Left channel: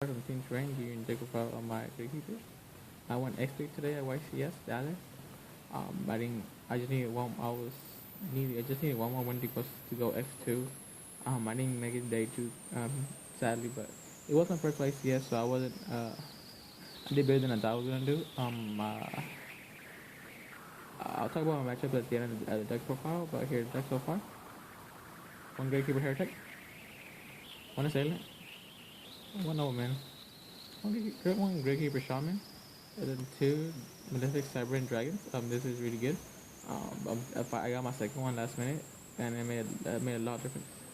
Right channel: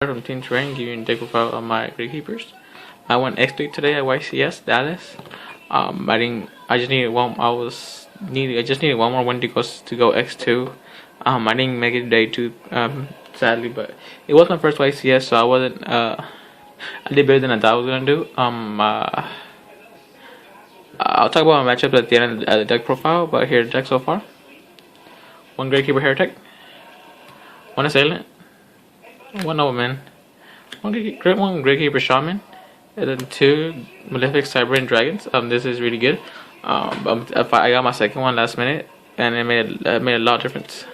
From Team Terrain, giving you a deck profile of my Gravekeepers. I went X3 today at YCS Dallas. I just needed one. I just needed one more win to go X2. I didn't make it day two. Sadly, but it was my first YCS, so I wasn't. I did better than I thought I was gonna do. I'll talk about my matchups at the end of the deck profile. But here's the deck so far: one Gravekeeper Heretic, one Assailant, one Nobleman, one Gravekeeper Shaman, and then two Malefic Cyberian Dragons. This is really good. I got my second one last minute, and it made a lot of difference.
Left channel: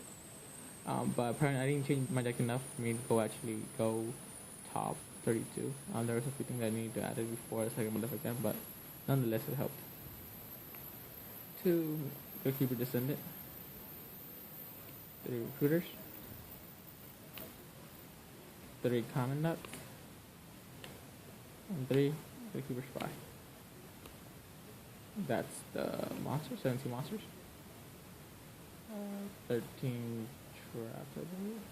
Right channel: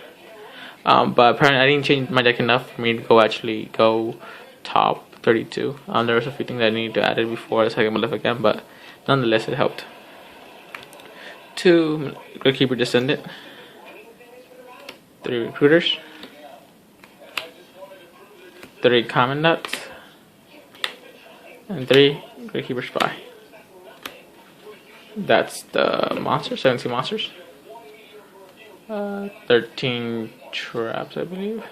But apparently I didn't change my deck enough for me to go top 32. There was a few things I needed to add it before the second Malefic again, but nonetheless it helped. Two Gravekeeper Descendant, three Recruiters, three Commandants, and three Gravekeeper Spy. That's the monster, 17 monsters. 13 traps, I believe.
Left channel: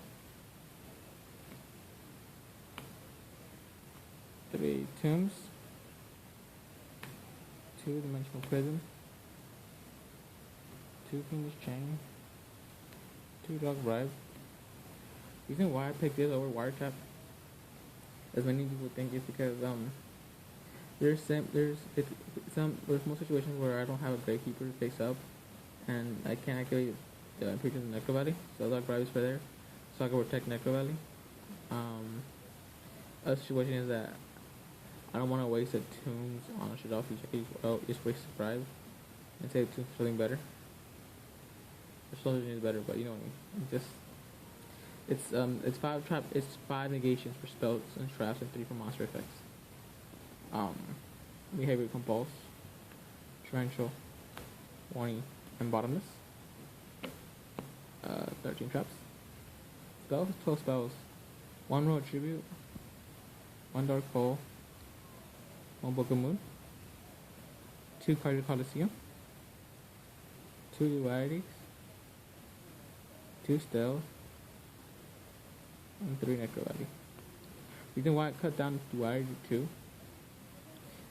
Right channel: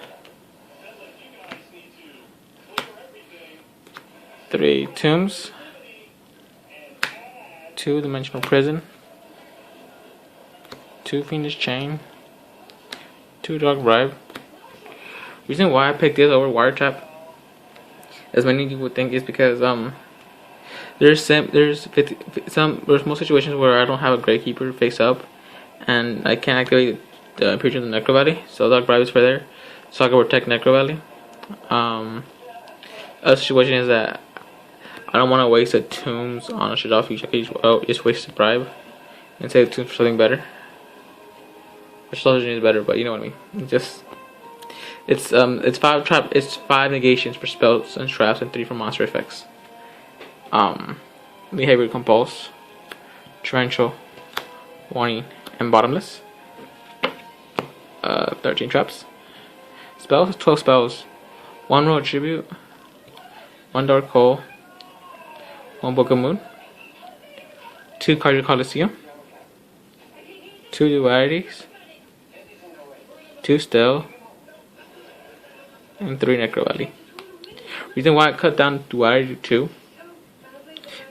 3 tombs. 2 dimensional prison. 2 fiendish chain. 2 dog bribe. Reason why I picked this over wire trap, as many people think, is because there's most situations where I don't have a Gravekeeper face up, and I can't activate the Imperial Necro Valley, so dog bribe is for there, so I can protect Necro Valley. Other situation is that I don't want to waste the tombs on a Shadolls future. I can just waste the bribe and save the tombs for something better. The Shadolls is better, but you know what I mean. It's 5 negations for spells and traps and 3 for monster effects. Behavior Compulse, Torrential, Warning, and Bottomless. 13 traps. Spells, 12 spells. 1 Royal Tribute, 1 Dark Hole, 1 Book of Moon, 2 Cardio Coliseum, 2 Dualities, 2 Still, and 3 Necro Valley. Reason why I cut down Duality to 2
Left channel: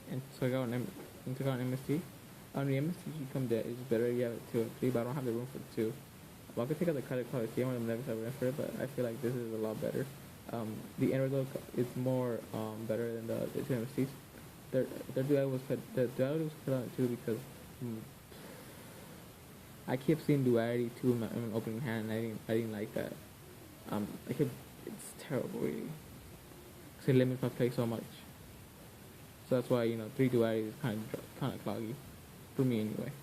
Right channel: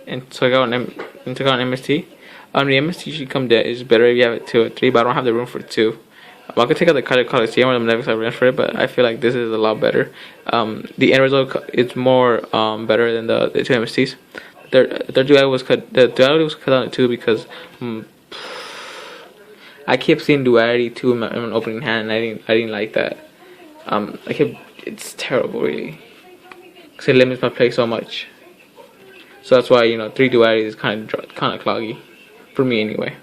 and took out an MST. The MST should come dead. It's better if you have it 2 or 3, but I don't have the room for 2. I could take out the Cardio Coliseum or the Malefic Cyberian for it, but I feel like this is a lot better. The end result is more better than the 2 MSTs. The duality was cut down to 2 because I kept seeing Duality 2 in my opening hand, and I didn't like that. It's terrible, really, because it limits my play so much. So that's why 3 Dualities is kind of cloggy for me anyway.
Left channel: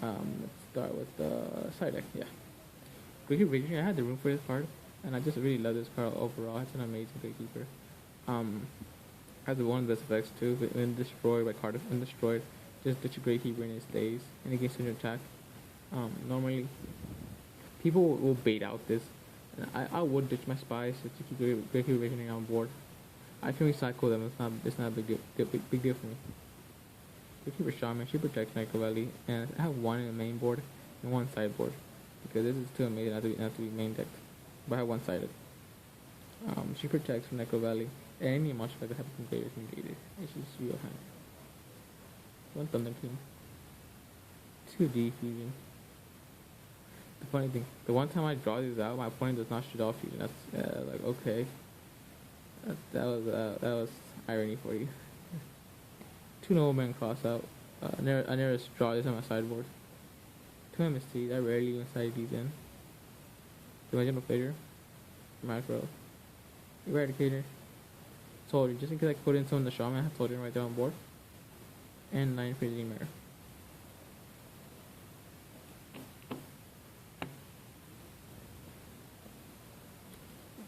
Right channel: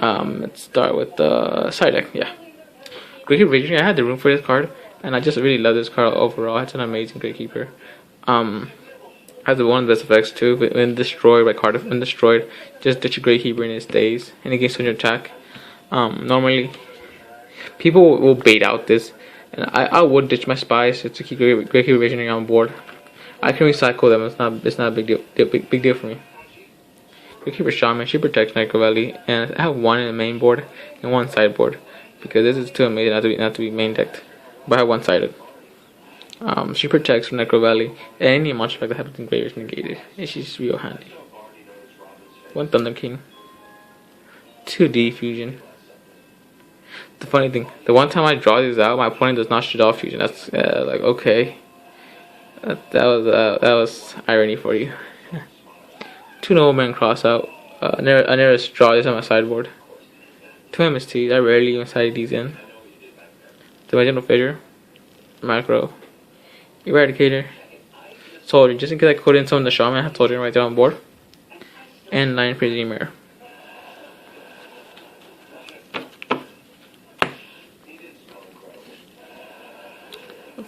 Let's start with the side deck. Yeah, Gravekeeper Visionary. I had the room for this card, and I just really love this card overall. It's an amazing Gravekeeper. Has one of the best effects too. When destroyed by card, when destroyed, just ditch a Gravekeeper and it stays, and it gains 200 attack. Normally, people will bait out this, and I would ditch my spies to keep Gravekeeper Visionary on board. I can recycle them. It's not a big deal for me. Gravekeeper Shaman, she protects Necro Valley, and I have 1 in the main board and 1 sideboard, because this is too amazing not to be main decked, but I have 1 sided. She protects from Necro Valley and any monster effect that happens in Grave is negated, and she's real handy. 1 Thunder King, 2 D Fusion. The funny thing, the one time I draw these out, my opponent does not Shadolls Fusion. That's like, okay, that was irony for you. 2 Nobleman cross out. I never draw this on my sideboard. 2 MSTs. I rarely even side these in. Dimensional Fissure, Macro, Eradicator, Soldier. Just in case I couldn't summon the Shaman, I have Soldier right there on board. And 9 Prison Mirror.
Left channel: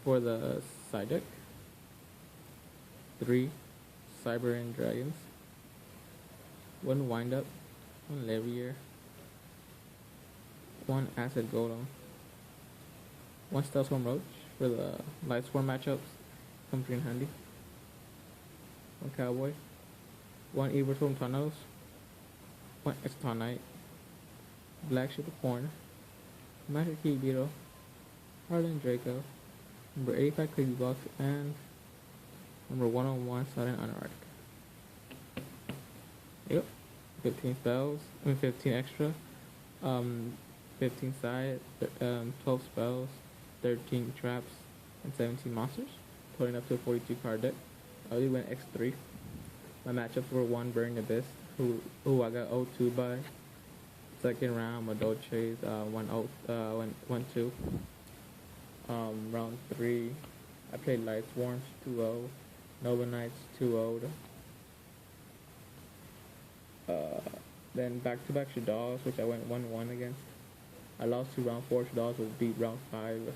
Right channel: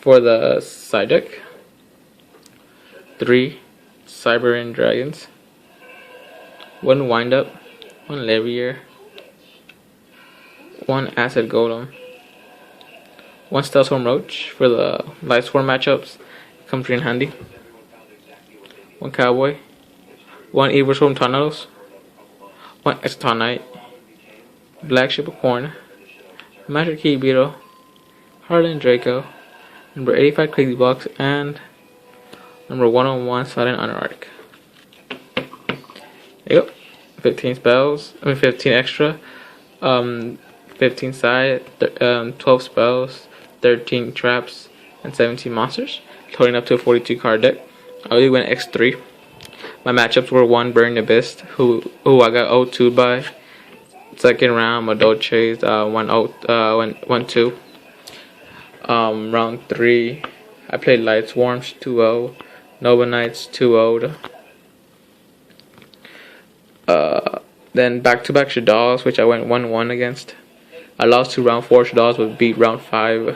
For the side deck, 3 Cyberian Dragons, 1 Wind Up, 1 Levier, 1 Acid Golem, 1 Stealthstorm Roach for the Lightsworn matchups. Comes in handy. 1 Cowboy, 1 Evil Storm Tornadoes, 1 Exoton Knight, Black Ship of Corn, Magic Key Beetle, Harlan Draco, number 85 Crazy Box, and number 101 Silent Anarch. There you go. 15 spells. 15 extra. 15 side. 12 spells. 13 traps, and 17 monsters. Totaling up to a 42 card deck. I already went X3. My matchups were 1 Burning Abyss, who I got 0-2 by. Second round, Maoldche 1-2. Round 3, I played Light Swarms 2-0, Nova Knights 2-0. Then back-to-back Shadolls, which I went 1-1 against. I lost to round 4 Shadolls, but beat round 5